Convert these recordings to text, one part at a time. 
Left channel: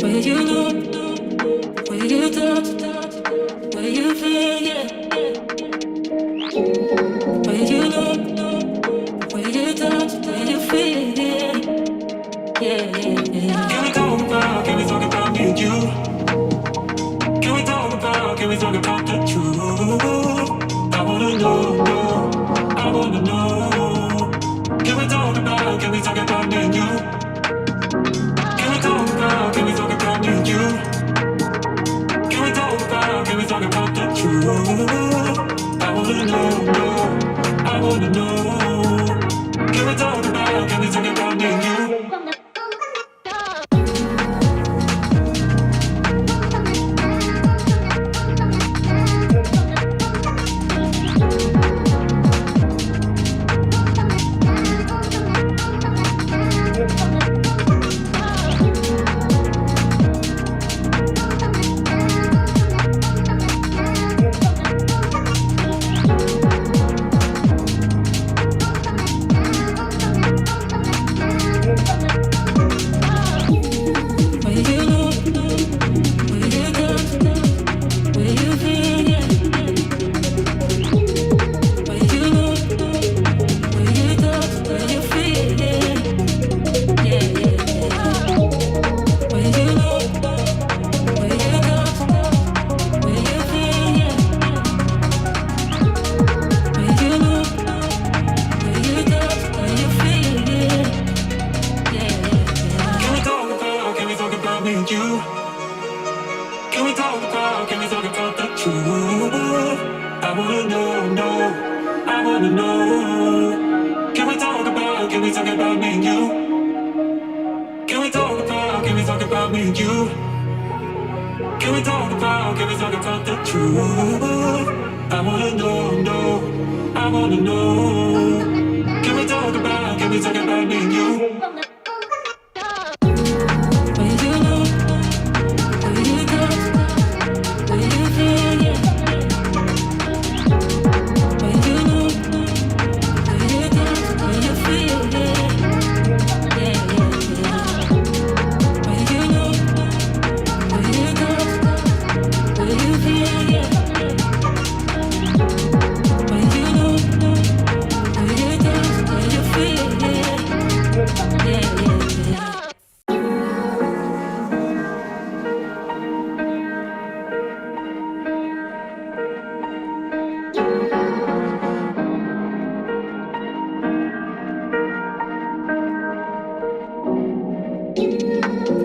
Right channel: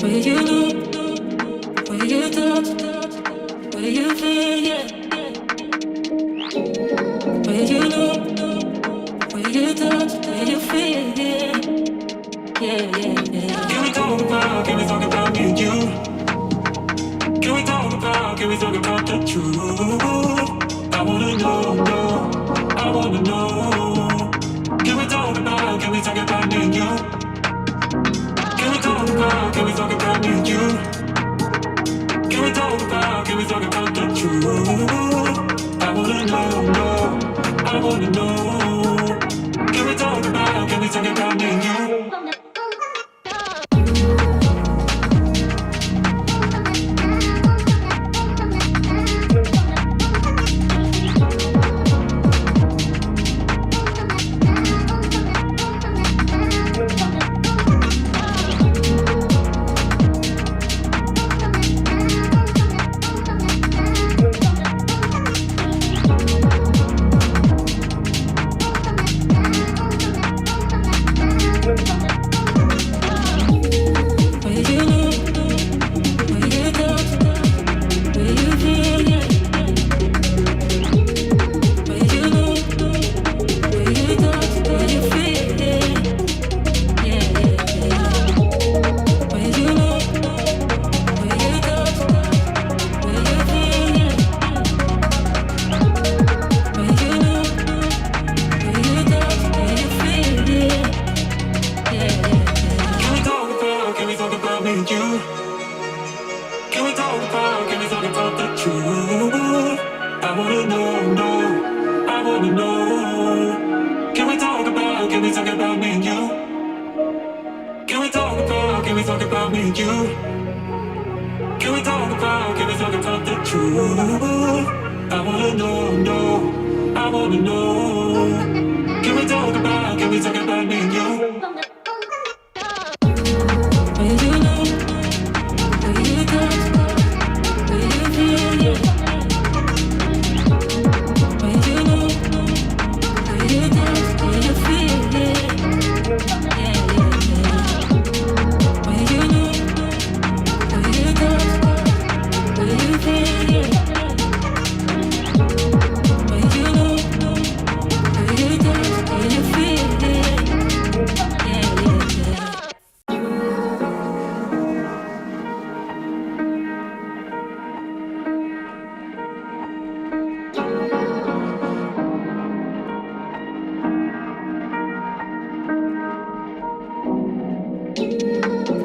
Where you look, where you touch, where you feel, yeah. Where you look, where you touch, where you feel, yeah. Yeah, yeah, yeah. Can we talk about me and you? Can we talk about the truth? I wanna know, I wanna know. Can we talk about me and you? Can we talk about me and you? Can we talk about the truth? I wanna know, I wanna know. Can we talk about me and you? Can we talk about the truth? I wanna know, I wanna know. Can we talk about me and you? Can we talk about me and you? Can we talk about the truth? I wanna know, I wanna know. Can we talk about me and you? Where you look, where you touch, where you feel, yeah. Where you look, where you touch, where you feel, yeah. Yeah, yeah, yeah. Where you look, where you touch, where you feel, yeah. Where you look, where you touch, where you feel, yeah. Yeah, yeah, yeah.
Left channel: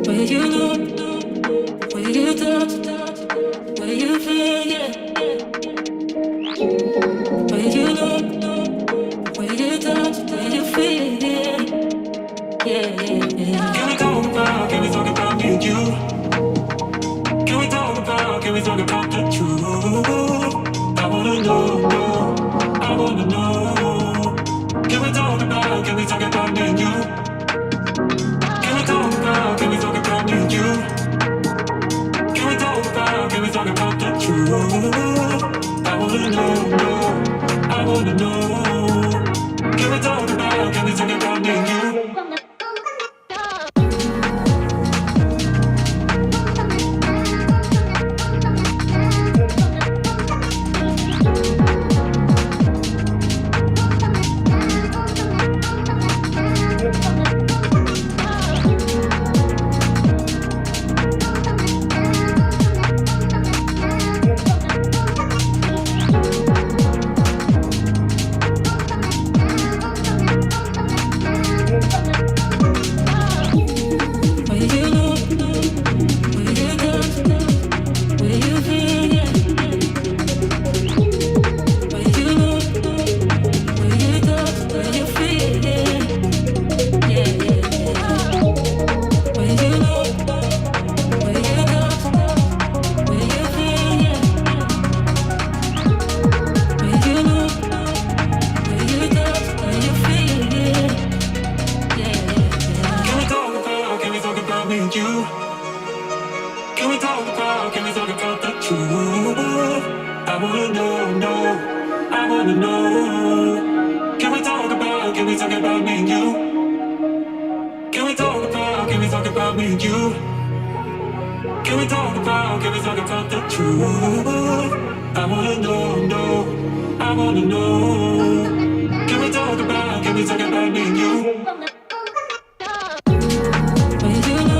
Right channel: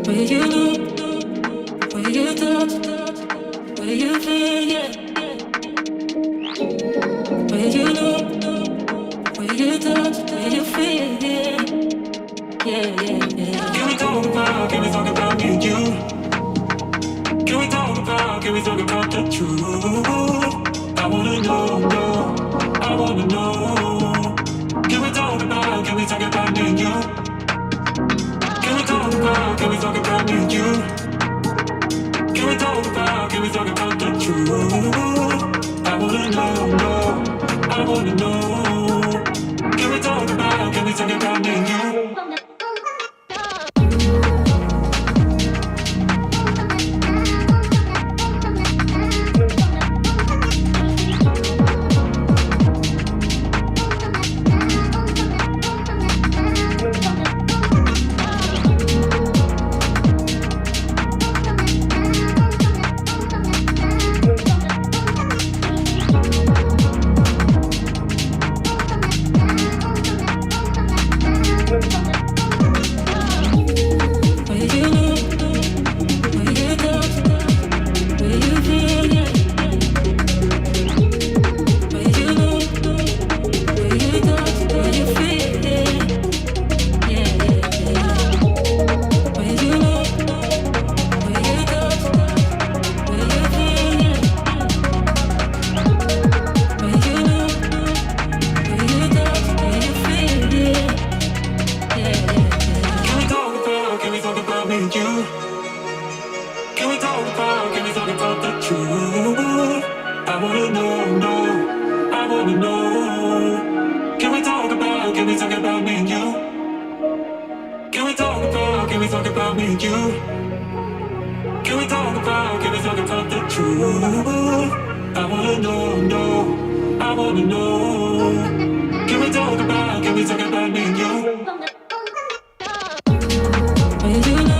Where you look, where you touch, where you feel, yeah. Where you look, where you touch, where you feel, yeah. Yeah, yeah, yeah. Can we talk about me and you? Can we talk about the truth? I wanna know, I wanna know. Can we talk about me and you? Can we talk about me and you? Can we talk about the truth? I wanna know, I wanna know. Can we talk about me and you? Can we talk about the truth? I wanna know, I wanna know. Can we talk about me and you? Can we talk about me and you? Can we talk about the truth? I wanna know, no, I wanna know. Can we talk about me and you? Where you